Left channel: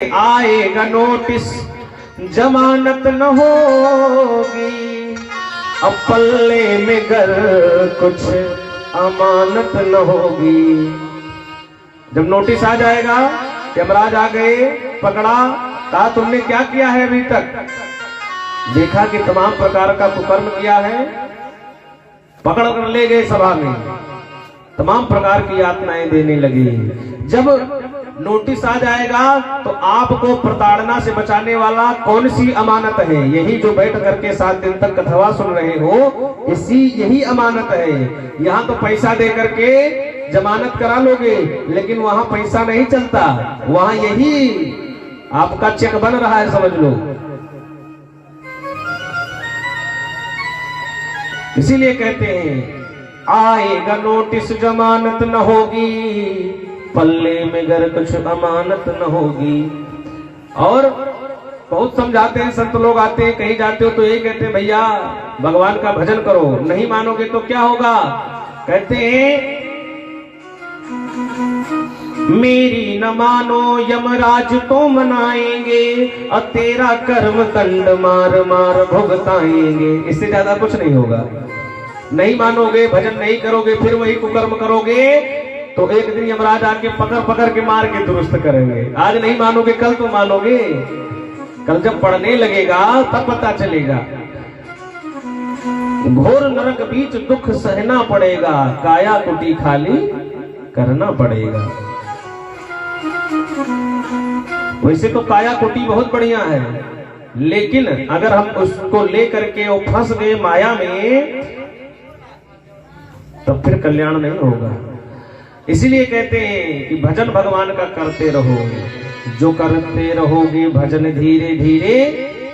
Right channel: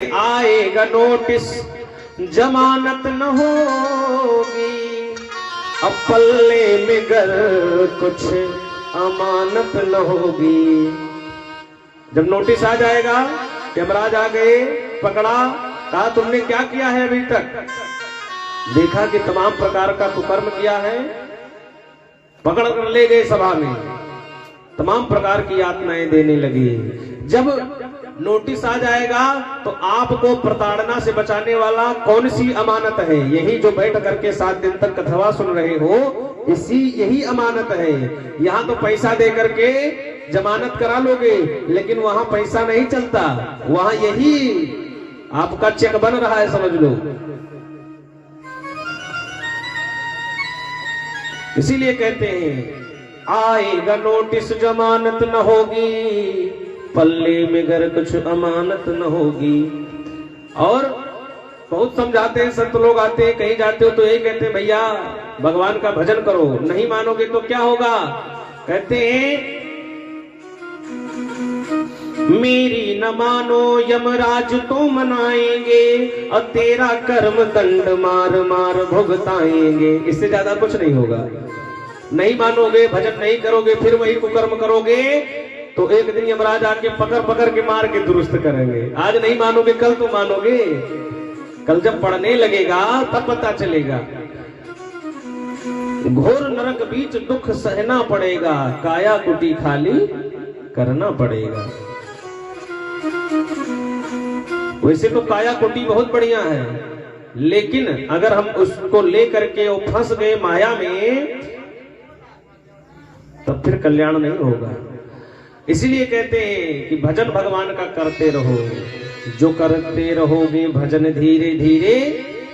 आएगा नोटिस जमानत न होगी, अब पल्ले में गर कुछ अमानत न होगी। जब नोटिस आ जाएगा कि यमराज आ गए, पकड़ा, कहा तुमने क्या किया है अभी तक, देखा कि तमाम प्रकार का कुकर्म किया है, पकड़ कर ले गए सभा में, तमाम प्रकार की यातनाएं देने लगी। जब नोटिस आ जाएगा तो आपको प्रताड़ना से बचाने वाला कौन सी अमानत है? यही जो बैठ करके 7 दिन तक कथवा सुन रहे हो, यही अमानत है। यहाँ तो पैसा दे करके जमानत करा लोगे, लेकिन वहां पैसा नहीं चलता, वहां यही आपका चेक बन रहा है, समझ लो। इसीलिए कहते हैं आएगा नोटिस जमानत न होगी, पल्ले में गर कुछ अमानत न होगी। और बहुत समझाते हैं, संत लोग आते हैं, कहीं जाते हो तो यही कहते हैं भैया भगवान का भजन करो, नहीं मानोगे तो क्या होगा? कहते हैं मेरी न मानो यमराज तो मनाएंगे, और तेरा कर्म कंड मार मार भुगताएंगे। इससे ज्यादा कुछ नहीं होगा। नहीं मानोगे, भजन नहीं करोगे, फिर वही कुकर्म करोगे, तो एक दिन यमराज आके पकड़ पकड़ के मार के दुरुस्त करेंगे। आज नहीं मानोगे, कल तो मानोगे। कल जब पढ़ने लगेगा तब पता चलेगा। घोर नरक बीच दुख सहना पड़ेगा, काया कुटी खाली करना पड़ेगा। वैसे तो काया कुटी बहुत बढ़िया है, लेकिन अगर हम उसको लेकर के वो फंस गए माया में, तब फिर कल्याण नहीं होगा। इसीलिए कहते हैं कि भजन भगवान का करते रहो, जो करते रहोगे भजन धीरे धीरे,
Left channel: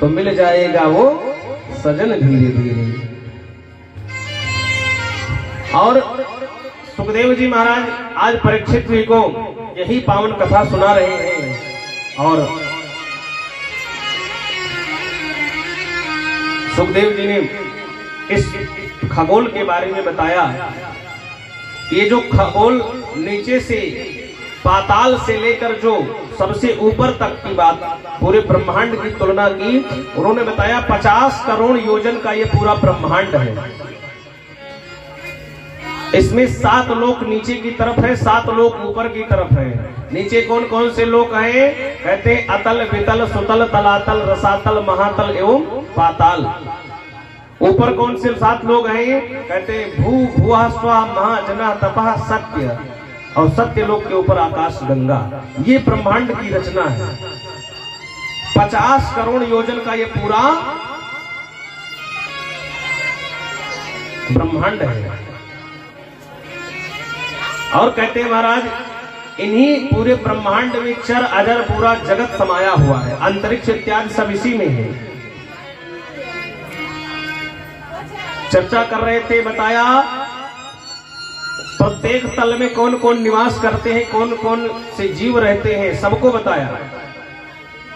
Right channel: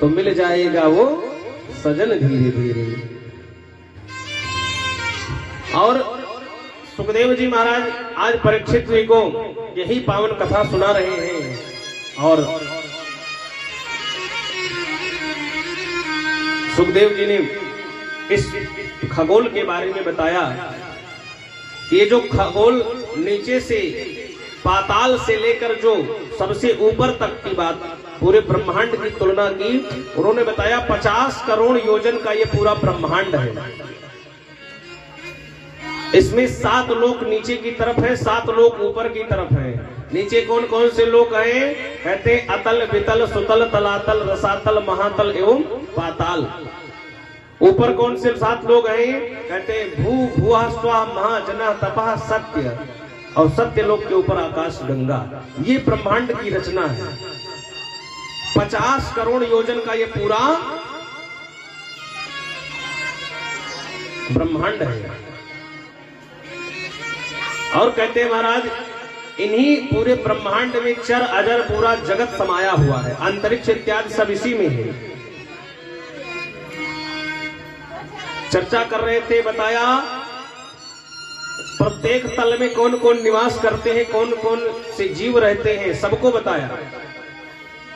तो मिल जाएगा वो सजन धीरे धीरे। और सुखदेव जी महाराज आज परीक्षित जी को यही पावन कथा सुना रहे हैं, और सुखदेव जी ने इस खगोल के बारे में बताया। ये जो खगोल नीचे से पाताल से लेकर जो सबसे ऊपर तक की बात, पूरे ब्रह्मांड की तुलना की, उन्होंने बताया 50 करोड़ योजन का ये पूरा ब्रह्मांड है। इसमें 7 लोक नीचे की तरफ है, 7 लोक ऊपर की तरफ है। नीचे कौन कौन से लोक हैं? कहते अतल वितल सुतल तलातल रसातल महातल एवं पाताल। ऊपर कौन से 7 लोग हैं? कहते भू भुआ स्वा महाजना तपह सत्य, और सत्य लोक के ऊपर आकाश गंगा। ये ब्रह्मांड की रचना है। 50 करोड़ योजन का ये पूरा ब्रह्मांड है। और कहते हैं महाराज इन्हीं पूरे ब्रह्मांड में चर अजर पूरा जगत समाया हुआ है, अंतरिक्ष इत्यादि सब इसी में है। चर्चा कर रहे थे, बताया प्रत्येक तल में कौन कौन निवास करते हैं, कौन कौन से जीव रहते हैं, सबको बताया।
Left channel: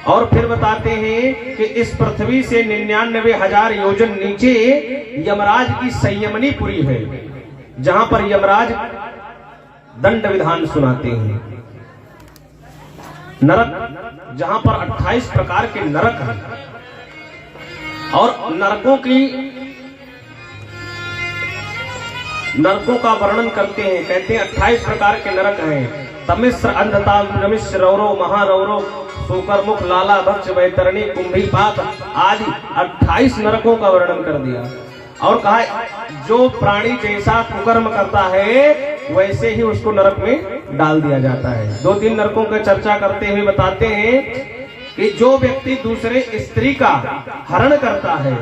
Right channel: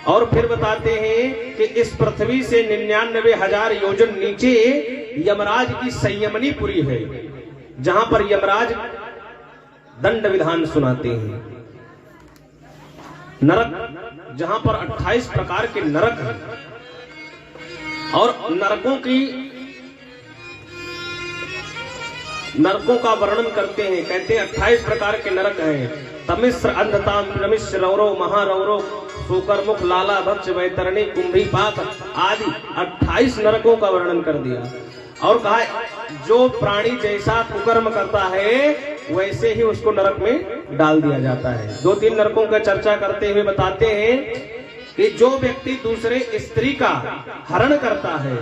और फिर बताते हैं कि इस पृथ्वी से 99,000 योजन नीचे यमराज की संयमनीपुरी है, जहां पर यमराज दंड विधान सुनाते हैं। नरक, जहां पर 28 प्रकार के नरक हैं, और नरकों का वर्णन करते हैं। कहते हैं 28 प्रकार के नरक हैं। तमिश्र अंधताम रमिश्र रौरव महारौरव सूकर मुख लाला भक्ष वैतरणी कुंभी पाक आदि 28 नरकों का वर्णन कर दिया। और कहा जो प्राणी जैसा कुकर्म करता है वैसे ही उसको नरक में डाल दिया जाता है। 2-3 नरकों का चर्चा करते हुए बताते हैं कि जो व्यक्ति दूसरे स्त्री का हरण करता है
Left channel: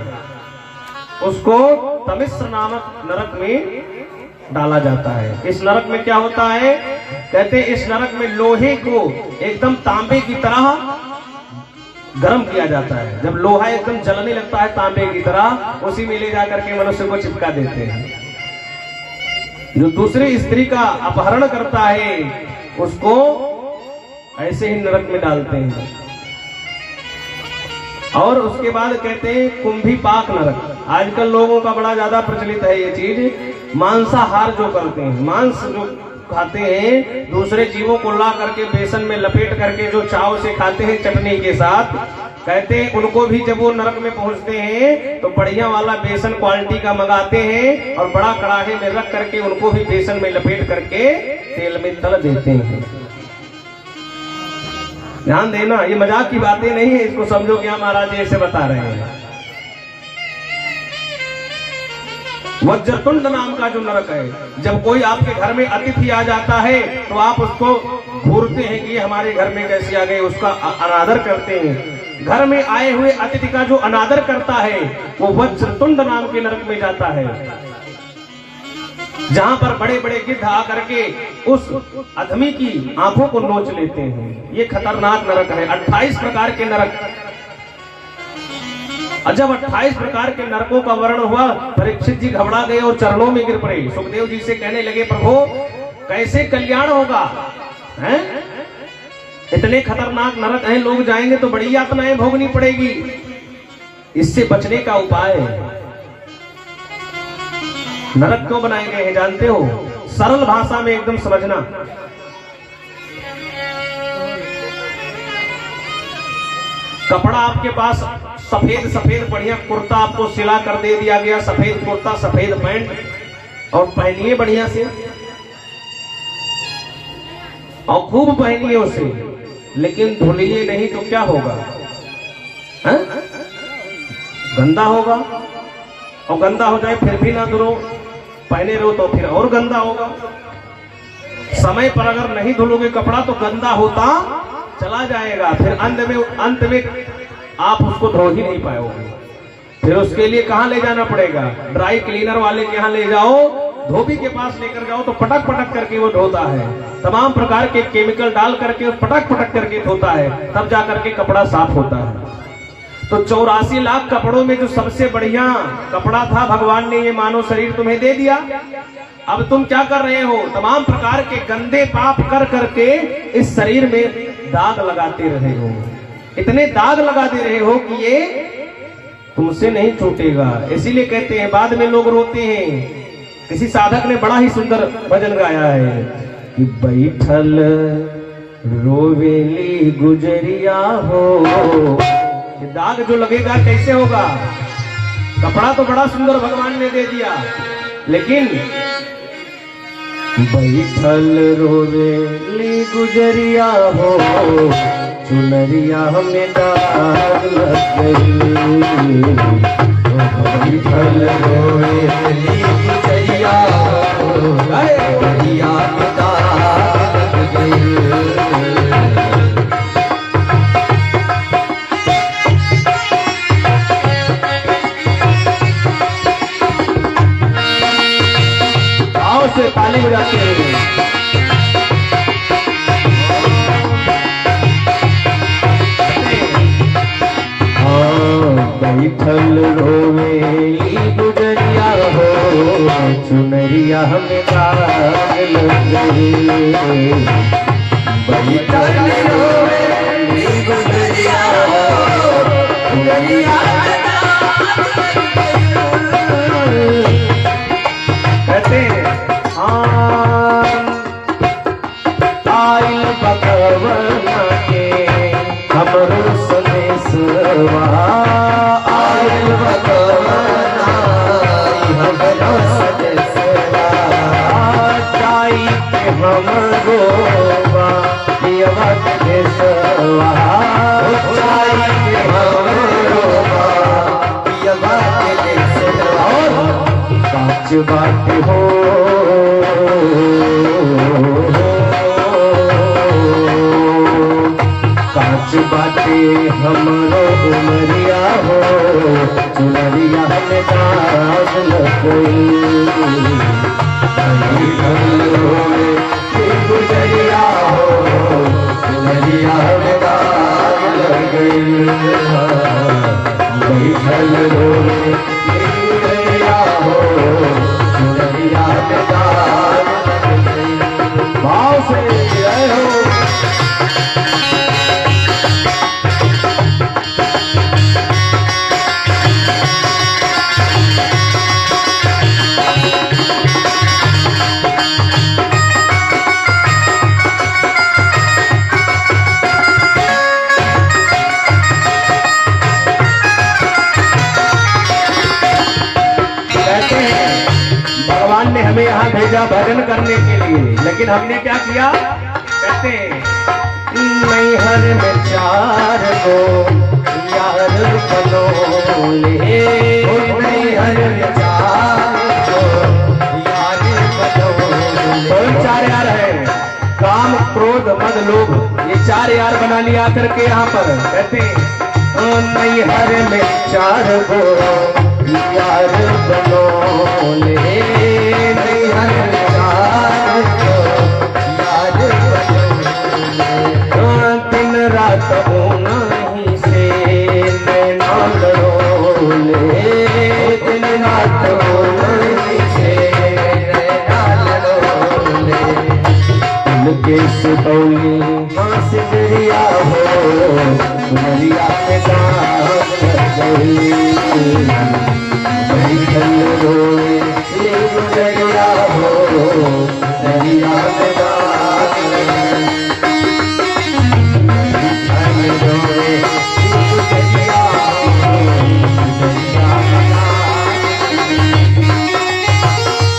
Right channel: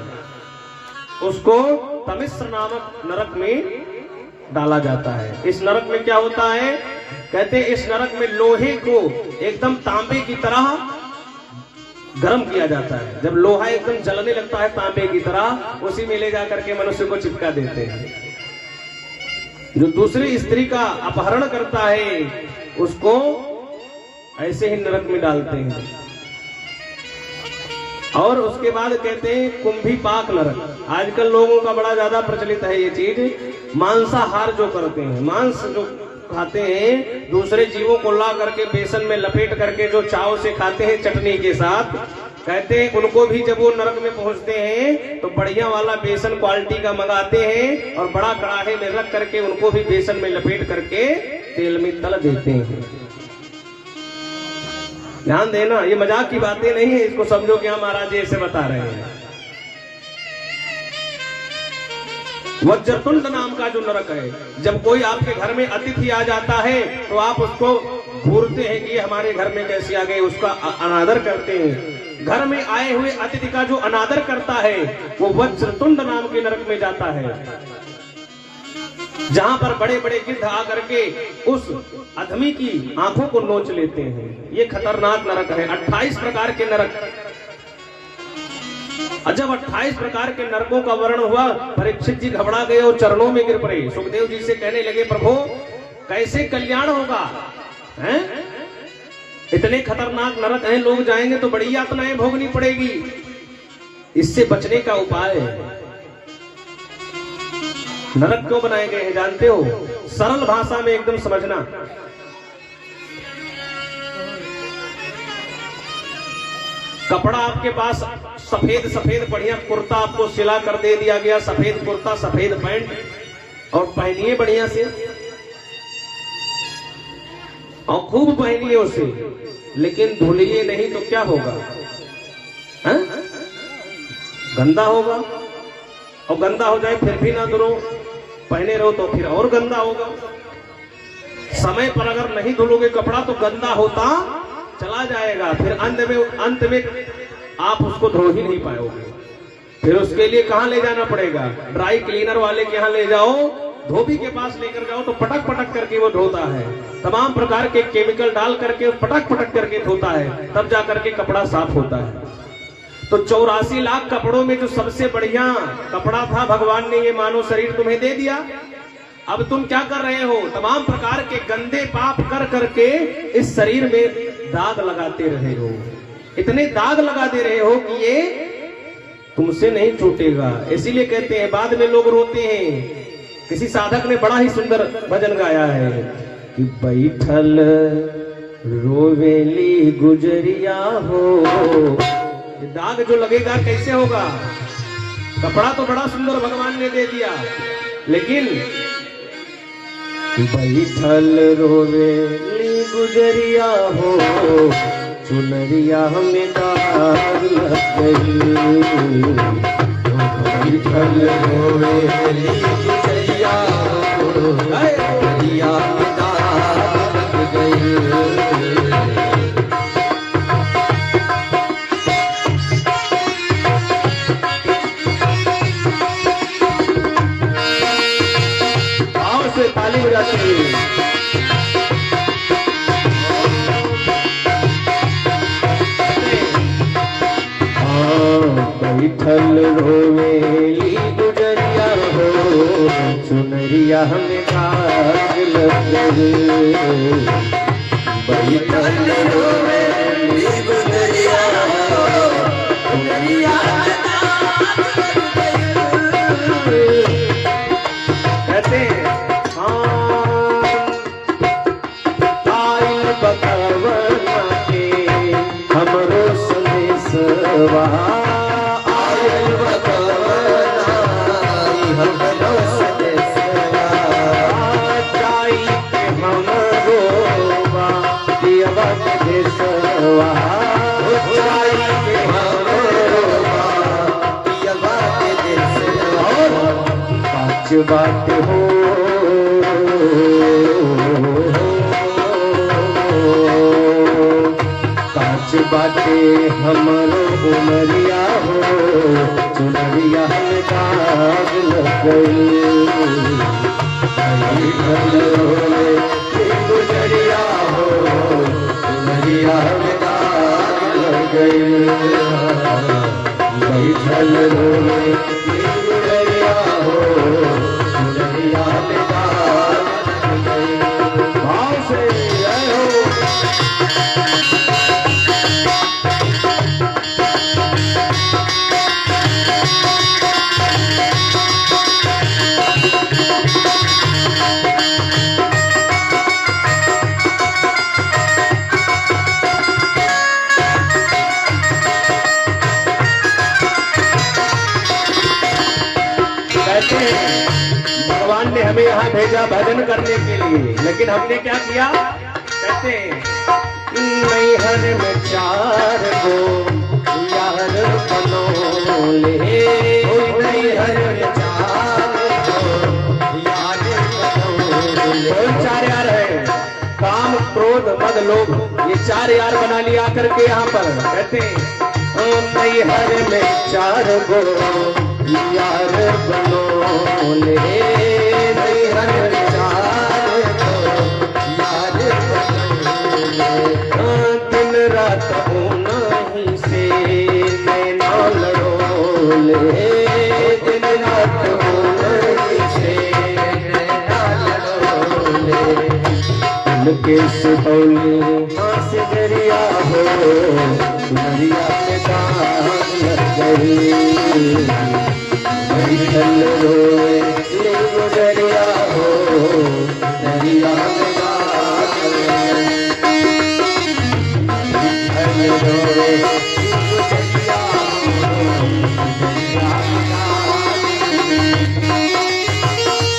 उसको तमिश्र नामक नरक में डाला जाता है। इस नरक में क्या होता है? कहते हैं इस नरक में लोहे को एकदम तांबे की तरह गर्म किया जाता है। जब लोहा एकदम जलने लगता है तांबे की तरह, उसी में ले जाकर के मनुष्य को चिपका देते हैं। जो दूसरी स्त्री का अपहरण करता है उसको ऐसे ही नरक में डालते हैं। और उसके बाद कहते हैं कुंभी पाक नरक। आजकल लोगों का बड़ा ज्यादा प्रचलित है ये चीज, मांसाहार जो करते हैं, मांस जो खाते हैं, दूसरे जीवों को ला करके बेसन में लपेट करके जो चाव से खाते हैं चटनी के साथ, कहते हैं उनको भी जब वो नरक में पहुंचते हैं तो बढ़िया वाला बेसन क्वालिटी का मंगाते हैं और बड़ा कड़ाहे में रख करके उनको भी बेसन में लपेट करके तेल में तल देते हैं। ध्यान देना, ये मजाक की बातें नहीं है, इसको समझो क्या महाराज जी ऐसे बता रहे हैं। वज्रतुंड नाम का जो नरक है, जब कोई आपके घर में अतिथि आ जाता है तो आप उसको घूरते हैं कि ये हमारे घर में कैसे आ गए, उसका अनादर करते हैं। घर में आए हुए अतिथि का जो अनादर करता है वो वज्रतुंड नाम के नरक में जाता है, जहां पर बड़े बड़े गिद्ध आकर के उस आदमी की आंखों को नोच लेते हैं। ये खतरनाक नरक है। 28 प्रकार के नरक। और जब 28 प्रकार के नरकों का वर्णन हुआ, परीक्षित जी घबरा गए और चरणों में गिर पड़े। सुखदेव जी से कहने लगे, प्रभु कैसे कल्याण होगा, हैं? इतने खतरनाक नरक हैं, लोग जाएंगे तो बड़ी यातनाएं भोगनी पड़ेगी। इससे बचने का उपाय, नरक क्यों बनाए गए हैं जानते हो? सरल भाषा में एकदम समझना। कपड़ा आपके पास सफेद सफेद बढ़िया कुर्ता आपको सिला कर दे दिया गया, सफेद कुर्ता सफेद पैंट, और पहनिए बढ़िया से और खूब पहनिए उसे, लेकिन धुलिए नहीं तो क्या होगा? है? गंदा होगा। और गंदा हो जाए फिर भी ना धुलो, पहने रहो तो फिर और गंदा होगा। समय पर अगर नहीं धुलोगे कपड़ा तो गंदा होता चला जाएगा, फिर अंत में आप उसको धो ही नहीं पाओगे। फिर उसके लिए कहां ले जाना पड़ेगा? ड्राई क्लीनर वाले के यहां ले जाओ, धोबी के पास लेकर जाओ तो पटक पटक करके वो धोता है, तमाम प्रकार के केमिकल डाल करके पटक पटक करके धोता है, तब जाकर के कपड़ा साफ होता है। तो 84 लाख कपड़ों में जो सबसे बढ़िया कपड़ा था, भगवान ने ये मानव शरीर तुम्हें दे दिया। अब तुम क्या कर रहे हो? तमाम प्रकार के गंदे पाप कर करके इस शरीर में दाग लगाते रहे हो, इतने दाग लगा दे रहे हो कि ये तुमसे नहीं छूटेगा। इसीलिए कहते हैं, बाद में लोग रोते हैं। किसी साधक ने बड़ा ही सुंदर भजन गाया है कि बैठल रोवेली गुजरिया हो। दाग जो लगेगा कैसे होगा? कपड़ा तो बड़ा सुंदर भगवान ने दे दिया, लेकिन बैठल रोवेली गुजरिया हो, चुनरिया में दाग लग गई। बैठल रोवेली गुजरिया हो, चुनरिया में दाग लग गई। से ताली बजाते हैं। बैठल रोवेली गुजरिया हो, चुनरिया में दाग लग गई। बैठल रोवेली गुजरिया हो, चुनरिया में दाग लग गई। कहते हैं बकवन के हमरो संदेशवा, आयल बकवना हमरो संदेशवा, जाई के हमरो बाबा देशवा, जाई के हमरो बाबा देशवा। सच बात हो बातें हमरो उमरिया हो, चुनरिया में दाग लग गई। गुजरिया हो, चुनरिया में दाग लग गई। बैठल रोवे गुजरिया हो, चुनरिया में दाग लग गई। भाव से जय हो। कहते हैं भगवान ने हमें यहाँ भेजा भजन करने के लिए, लेकिन हमने क्या किया? कहते हैं नैहर में 4 गो यार बनोले, नैहर में 4 गो यार बनोले। कौन 4 यार है? काम, क्रोध, मद, लोभ, ये 4 यार बना लिया करके यहाँ पर। कहते हैं नैहर में 4 गो यार बनोले, नैहर में 4 गो यार बनोले। दिन रात नहीं से नैना लड़ोले, दिन रात नहीं से नैना लड़ोले। उनके सुतौली हाँ से दरिया हो, दरिया पे दाग लग गई, बैठल रोए दरिया हो, दरिया पे दाग रोए दरिया हो, दरिया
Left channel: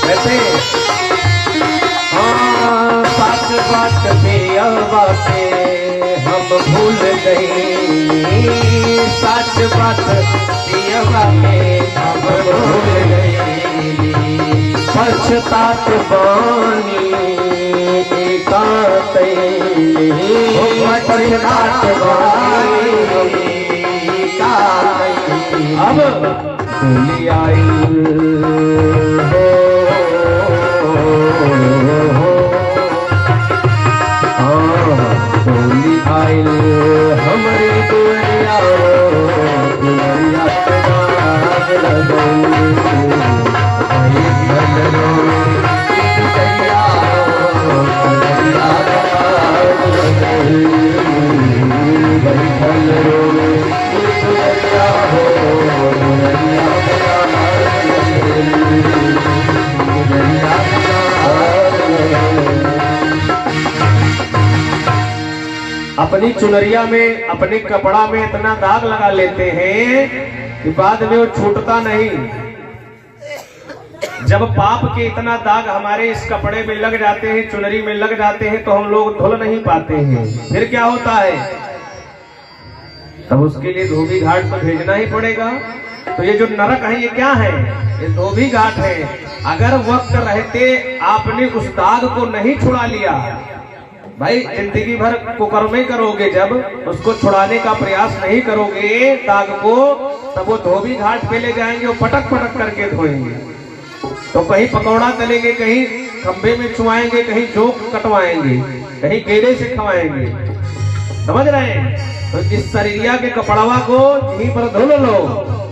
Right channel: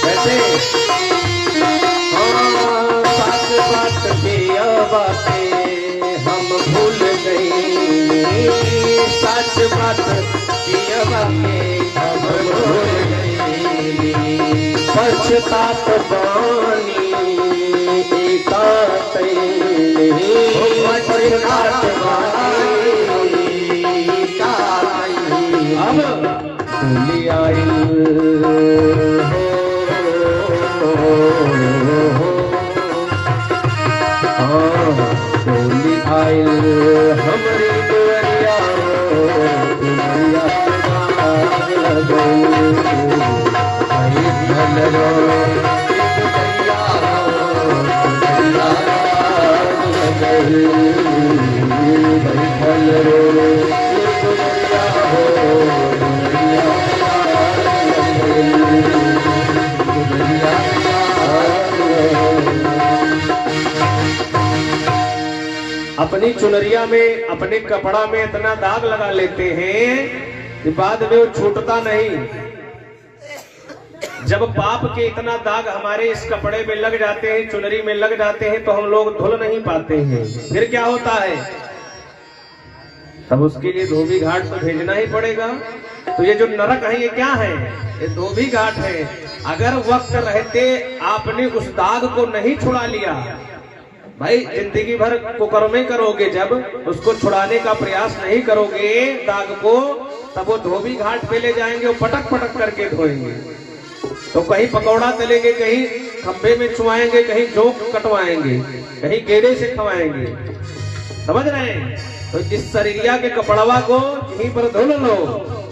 वैसे हाँ सास बात पे बातें हम भूल गए, सच बात पियवा में हम भूल गए। पछतात बानी एकाते, पछतात बानी एकाते। अब भूल आई होली आई हमारी दुनिया, दुनिया पे दाग लगई, बैठल रोए दुनिया हो, दुनिया पे दाग लगई, बैठल रोए दुनिया हो, दुनिया पे दाग लगई, दुनिया पे दाग लगई। अपनी चुनरिया में, अपने कपड़ा में इतना दाग लगा लेते हैं कि बाद में वो छूटता नहीं। जब पाप के इतना दाग हमारे इस कपड़े में लग जाते हैं, चुनरी में लग जाते हैं, तो हम लोग धुल नहीं पाते हैं। फिर क्या होता है? तब उसके लिए धोबी घाट तो भेजना ही पड़ेगा। तो ये जो नरक है ये क्या है? ये धोबी घाट है। अगर वक्त रहते आपने उस दाग को नहीं छुड़ा लिया, भाई जिंदगी भर कुकर्मे करोगे, जब उसको छुड़ाने का प्रयास नहीं करोगे दाग को, तब वो धोबी घाट पे ले जाएंगे, वो पटक पटक करके धोएंगे। तो कहीं पकौड़ा तलेंगे, कहीं खंबे में चुआएंगे, कहीं जोक कटवाएंगे, कहीं केले से खवाएंगे। समझ रहे हैं? तो इस शरीरिया के कपड़वा को यहीं पर धुल लो,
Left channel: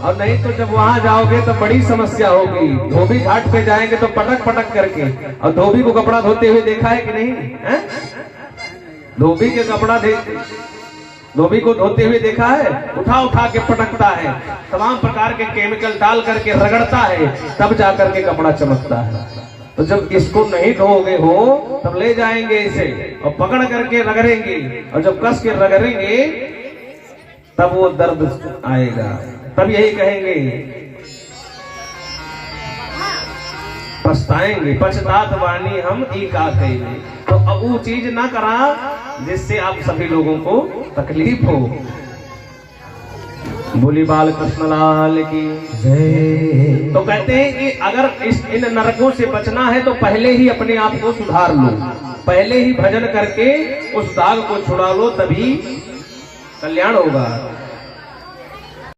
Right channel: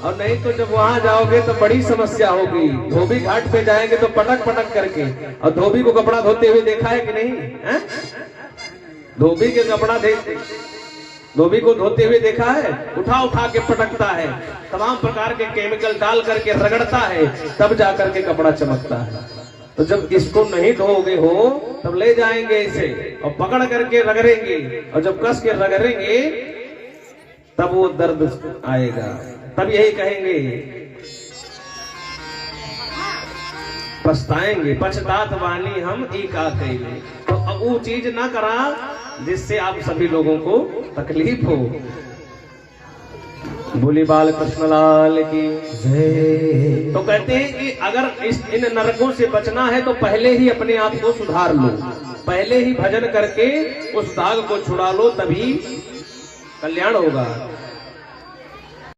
और नहीं तो जब वहां जाओगे तो बड़ी समस्या होगी। धोबी घाट पे जाएंगे तो पटक पटक करके। और धोबी को कपड़ा धोते हुए देखा है कि नहीं है? धोबी के कपड़ा धोबी को धोते हुए देखा है? उठा उठा के पटकता है, तमाम प्रकार के केमिकल डाल करके रगड़ता है, तब जाकर के कपड़ा चमकता है। तो जब इसको नहीं धोगे हो तब ले जाएंगे इसे और पकड़ करके रगड़ेंगे, और जब कस के रगड़ेंगे तब वो दर्द आएगा। तब यही कहेंगे, पछताएंगे, पछतात वानी हम ई का कहेंगे। तो अब वो चीज ना करा जिससे आप सभी लोगों को तकलीफ हो। बोली बाल कृष्ण लाल की जय। तो कहते हैं कि अगर इन नरकों से बचना है तो पहले ही अपने आप को सुधार लो, पहले ही भजन करके उस दाग को छुड़ा लो, तभी कल्याण होगा।